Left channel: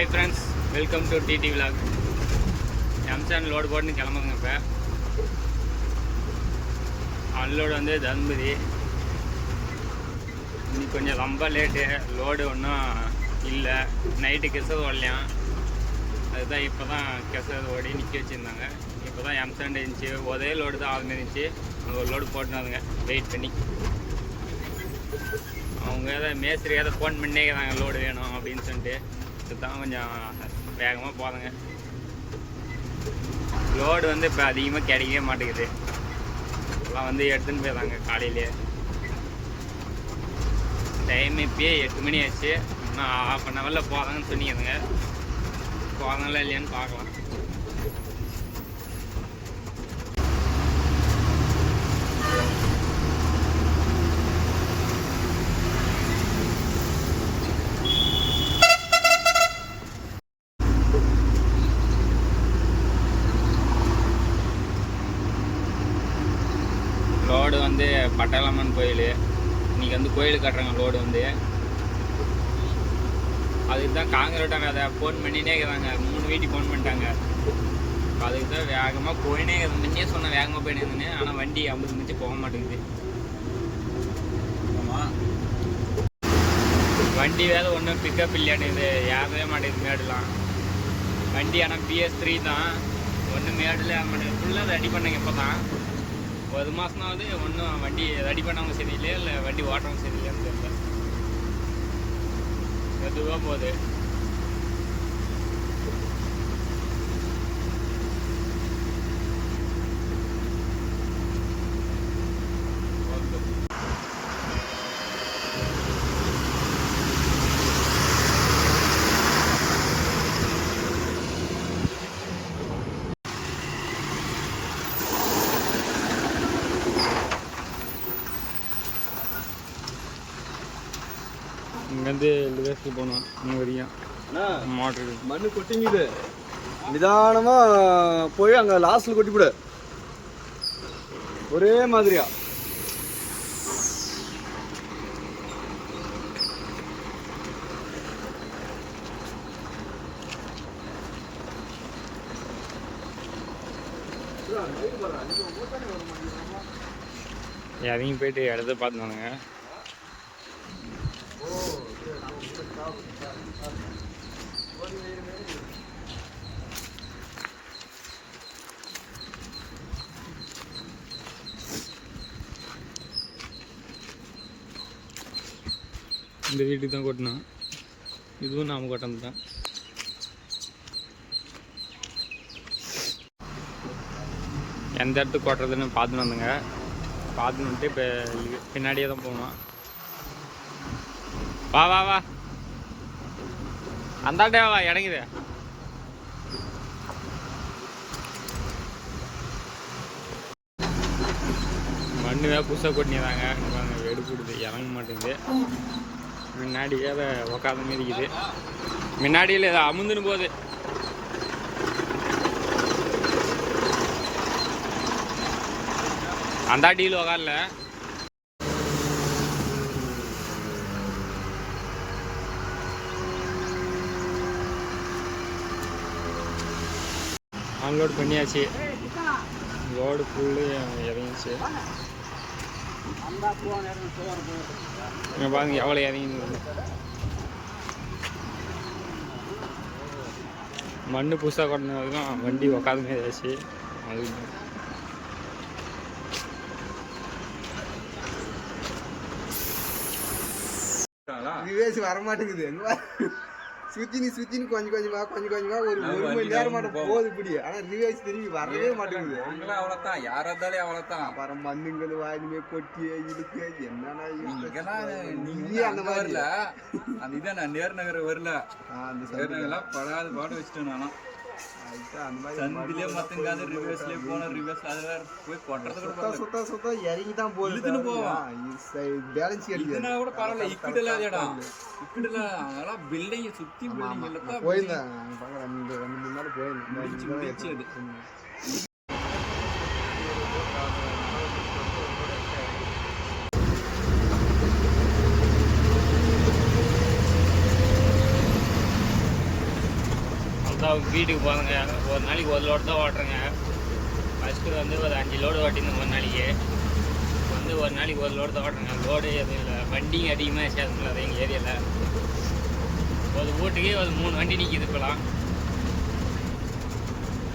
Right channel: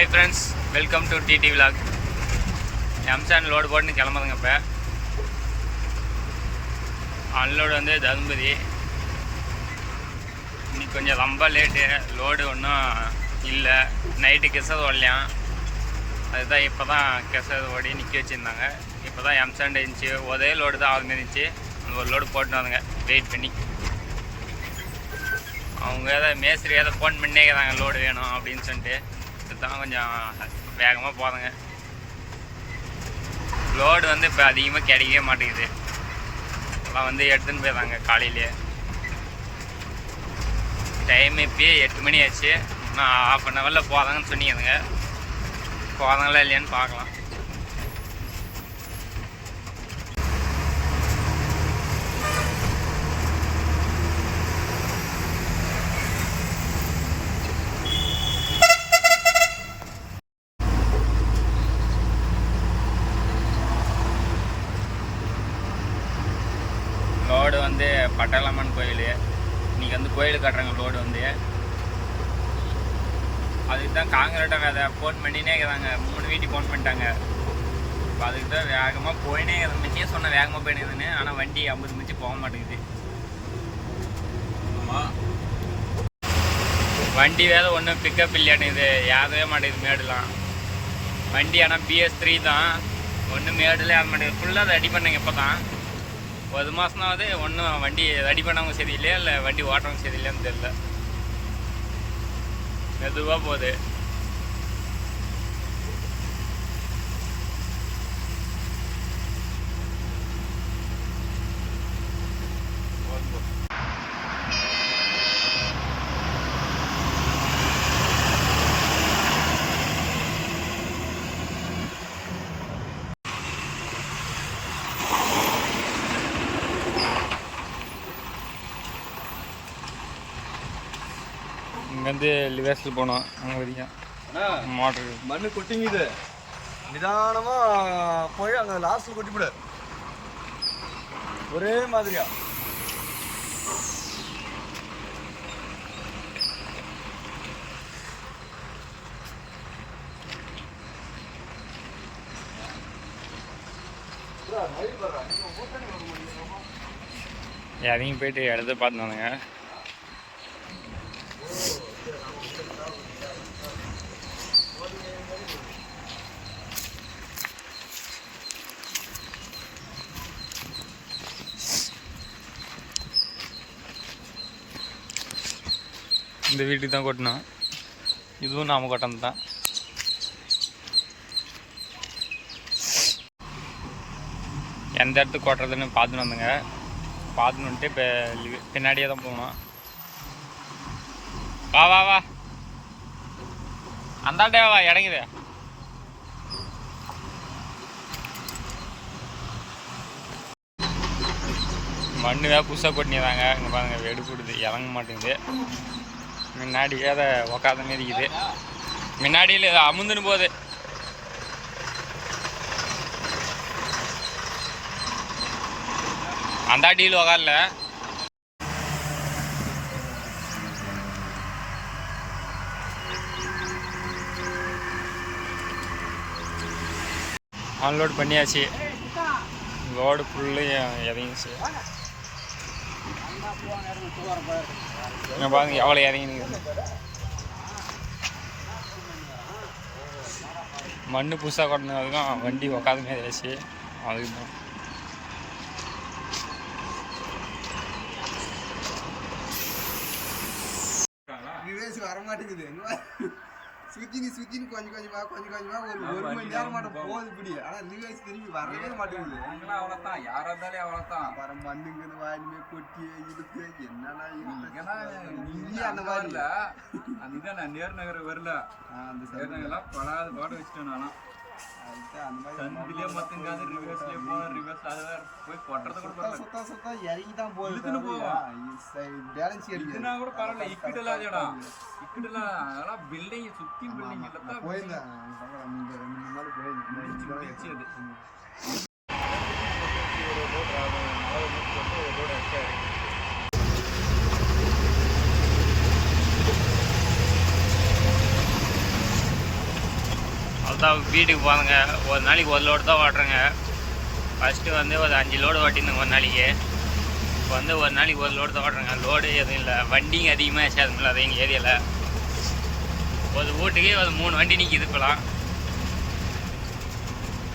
Hi friends, welcome to TT Vlog. M-sand load போட்டுன்னு கிளம்புதுங்க. இப்போ unload வந்து தர்மபுரி. இன்னைக்கு கொஞ்சம் ரொம்ப லேட்டு, லோடு ஒன்றும் இல்லை. நைட்டு கெசது ஓடலையாம், அதுதான் இப்போ தான் கெசது ஓடி நிற்க வச்சுருந்தாங்க. இப்போ தான் எம்சாண்ட் இருந்துச்சு, ஒரே லோடு தான் ஆகுது இருந்துச்சு. அந்த ஒரு லோடு போட்டுன்னு வந்தாங்க வெயிட் பண்ணி. அவங்க ஏதாவது மேஸ்திரி ஏதாவது ஃபோன் பண்ணிக்கிறாங்க லோடு வேணும் அப்படின்னு சொல்லிட்டு. இதுதான் கொஞ்சம் வேகமாக போதுங்க. லோடு வந்து இப்போ அதிகமாக கிடைக்கவே மாட்டேங்குது. எல்லாம் வந்து எடுத்துன்னு போயிடுறாங்க காலையிலே. டைம் இப்போயே 8 மணி ஆச்சு. இன்னும் ½ அன் ஹவரில் போதாங்கன்னு சொன்னீங்க. போதாங்களா இல்லையான்னு பார்க்கலாம். லோடு வந்து பட்டாளம்மன் கோயில். இன்றைக்கி வந்து கோயில் கட்டுறாங்க. லோடு வந்து அதுக்கு தான் காங்கிரீட்டாக அதை ஃபோன் பண்ணினே இருக்கிறாங்க. 3 வீட்டுக்கு ஃபோன் பண்ணிட்டாங்க. இப்போ அதுக்கு தான் வேகமாக போயினே இருக்குது. முன்னே சொன்னால் வேகமாக போயிடுதுன்னு, ஆனால் வண்டி 50 மிச்சு போக மாட்டேங்குது. வண்டி வேலை ஒன்றும் பிக்கப் இல்லையானுது, ஏறவே மாட்டேங்குது மேடுலாம். வண்டி ஆனால் BS3 தான், ஒன்றும் மேடுல ஏற மாட்டேங்குது. ஃபுல்லாக அதை ரெடி பண்ணாங்க. இப்போ தான் 1 மாதம்னாவது ஒன்றும் வண்டி ரெடி பண்ணவங்க சரியில்லையா இல்லை வண்டி ஓட்டுறவங்க சரியில்லையான்னு தெரியல. மெதுவாக போகுது. இங்கேருந்து லிவேஸில் போனோம். அங்கே வரைக்கும் மோட்ரு மண்ணு கொட்டிங்குது. நிதானமாக போய் அங்கே லாஸ்ட்டில் கொட்டிவிடு. ஒரே மாதிரியா இறங்கி போயிட்டு இடத்த பார்த்துனானுங்க. இந்த வீட்டுக்கு தான் கொட்டினோம். இதுவும் நாம கொட்டினது தான். எந்த இடத்துக்கு கொட்டுறதுன்னு பார்த்துன்னு வந்தோங்க. பார்த்துன்னு வந்துட்டு இப்போ பின்னாடியே தான் போகணும். வா வா வா, அந்தாண்டே வா, இறங்குது. மண்ணு வேறு புதுசாக கொட்டினதாங்க. இங்கே பாருங்க, வெடுப்புடுது, இறங்க மாட்டேங்குது. முன்னாடி அதை உக்காத மாரி இருக்குது. முன்னாடியில் இதை அமுந்துன்னு போகுது. அந்த அடியில் உக்காரல. அன்லோட் பண்ணியாச்சு. லோடு ஃபுல்லு இறங்கிச்சு. இங்கே பாருங்க எவ்வளோ இறங்கினீங்க. மண்ணு புதுசாக கொட்டினதுக்கும் வண்டி உக்காத மாரி ஆச்சு. அதுக்கு தான் வரமாட்டேங்குது. சுத்தினு கொஞ்சமா ஒரு மணி நேரம் மட்டும் போகுது இப்படி. ஆனா ரிவைஸ் திரும்பி வரவே மாட்டேங்குது. அவ்வளவுதான், யாரா இருந்தாலும் அவ்வளவுதான். பரம் மண்ணுங்கள் வாயிலுமே கொட்டி இருக்கு. என்னன்னா நீங்க அந்த மாதிரி வரல. அந்த இதை நான் நேர்நகர் வரல. நேர்நகர்லாம் படாது பாடு வச்சுட்டேன். நானா சந்திலே மத்தங்காது ரிவர்ஸ்லயே போன. ரிவர்ஸ்ல அது வேற போய் கொட்டறது கூட பரவாயில்ல. சுத்தா இறங்கி தான் போகுது. இழுத்துன்னு போவோம். பேலன்ஸ் இதுனா கூட பரவாயில்ல. இக்கிடல இடம் இக்கிடல. அதெல்லாம் பில்டிங் சுத்தி பில்டிங் எல்லாம் போயிருந்தேன். முன்னாடி போயிருந்தேன். முடிச்சு அது தான் வீட்டுக்கு போகிறேங்க. ஒரு நாளைக்கு ஒரு லோடு தான் ஓட்டுறேங்க. ஃபஸ்ட்டு வந்து ஒரு 5 லோடு ஓட்டிருந்தேங்க ஒரு நாளைக்கு. இப்போ வந்து ஒரு நாளைக்கு ஒரு லோடு தான் ஓட்டுறேங்க. லோடு எதுவும் இல்லை, வண்டிங்க அதிகமாக சேதமில்லை அது எங்கள் ஏரியாவில். ஒரு வீட்டுக்கு ஒரு 3 வண்டி நிற்கிது இப்போலாம்.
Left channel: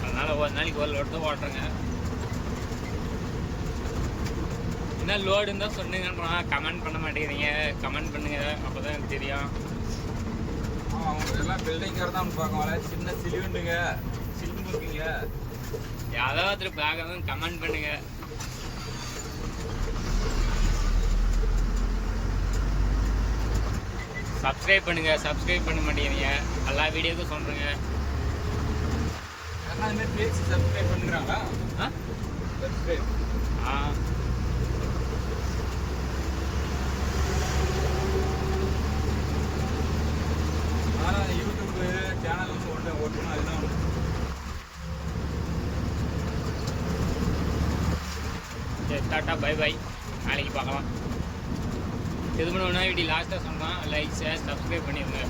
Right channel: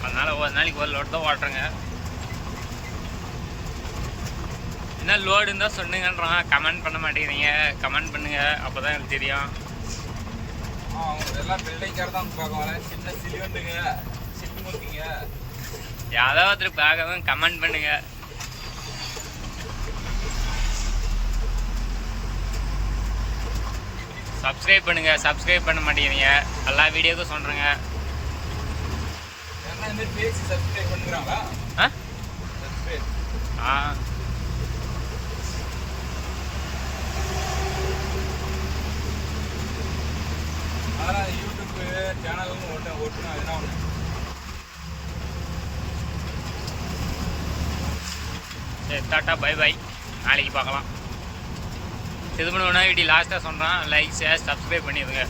அதனால் ஒரு நாளைக்கு ஒரு லோடு தான் ஓட்டுறேங்க. என்ன லோடு இருந்தால் சொன்னுங்கன்றான், கமெண்ட் பண்ண மாட்டேங்கிறீங்க. கமெண்ட் பண்ணுங்கள், அப்போ தான் எனக்கு தெரியும். எல்லாம் பில்டிங்கார் தான் பார்க்கலாம். சின்ன சிலிண்டுங்க சிலிமுக்குங்க யாராவது ஒருத்தர் பார்க்கவும் கமெண்ட் பண்ணுங்க. சப்ஸ்கிரைப் பண்ணுங்க. சப்ஸ்கிரைப் பண்ண மாட்டேங்கிறீங்க, எல்லா வீடியோக்கும் சொல்கிறேங்க. எல்லாம் இந்த மாதிரி பேசி சப்ஸ்கிரைப் பண்ணுறாங்களா? ஆ சப்ஸ்கிரைப் ஆ ஆனால் யூடியூப் சேனலும் ஓட்டுனா அதெல்லாம் ஒன்று. சரி, டாட்டா பை பை, நாளைக்கு பார்க்கலாம். திருமணம் வீட்டி லாஸ்ட்டாக சொல்கிறான், லைக் ஷேர் சப்ஸ்கிரைப் பண்ணிடுங்க.